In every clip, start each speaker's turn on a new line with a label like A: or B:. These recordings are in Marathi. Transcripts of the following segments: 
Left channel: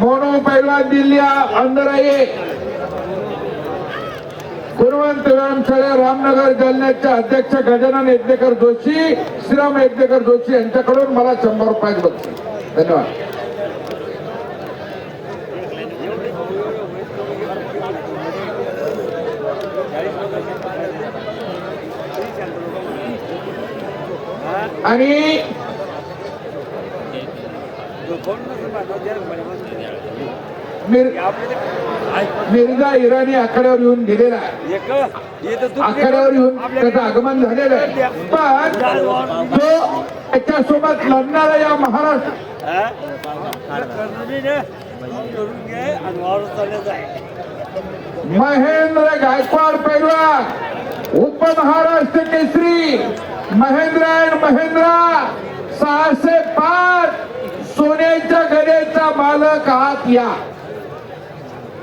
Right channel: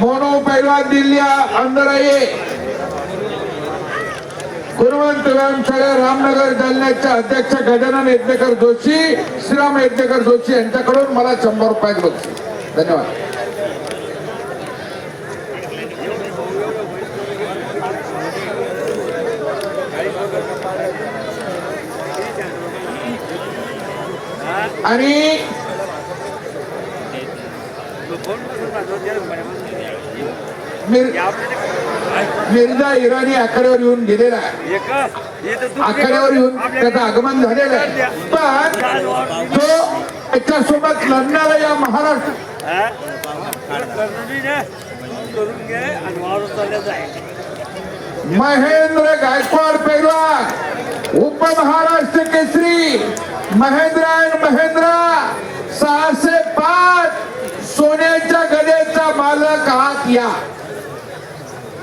A: मोनो पैलवान दिल्ली आइए। गुणवंत व्यायामशाळे रामनगर जालन्याचे अध्यक्ष गजानन यज्ञकर जोशी श्रीराम यज्ञकर जोशी यांच्याकडून मला शंभर रुपयाचे बक्षीस धन्यवाद. आणि मिर्झा इराणी आखाड्यावर येऊन गेलेला आहे. आखाड्यावर येऊन त्याचं आगमन झालेलं आहे. पण तो त्याच्यासोबत लढणारा या महाराष्ट्र महेंद्र गायकवाड पैलवान उपमहाराष्ट्र केसरी महेंद्र अँड महेंद्र सहाशे या.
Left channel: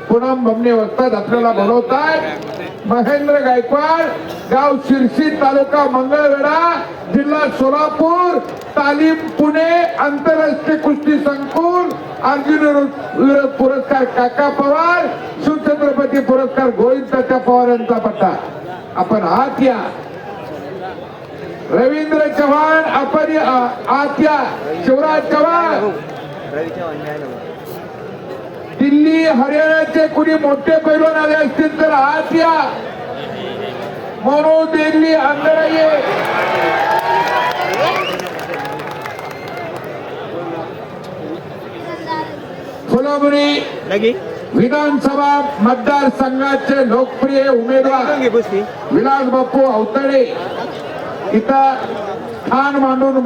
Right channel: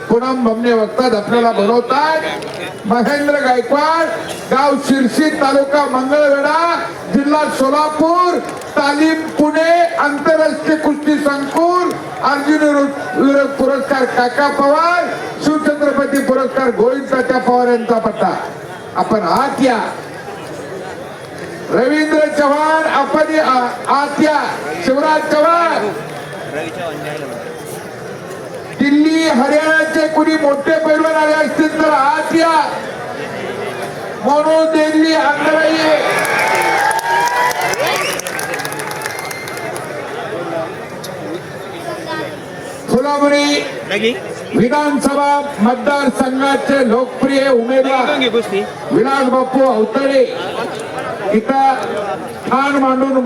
A: पूनम बमने वक्तात आपल्याला बोलवतात महेंद्र गायकवाड गाव शिरसी तालुका मंगळवेढा जिल्हा सोलापूर तालीम पुणे आंतरराष्ट्रीय कुस्ती संकुल अर्जुन पुरस्कार काका पवार शिवछत्रपती पुरस्कार गोविंद तात्या पवार यांचा पट्टा आपण आत या. रवींद्र चव्हाण आपण आत या. शिवराज चव्हाण. रवी चव्हाण हरियाणाचे कुणी मोठे पैलवान आले असतील तर आत या मोनो दिल्ली अंदर ये फुलामुरी विधानसभा मतदारसंघाचे लोकप्रिय उमेदवार विलास बापू अवतडे. इथं ठाण मांडून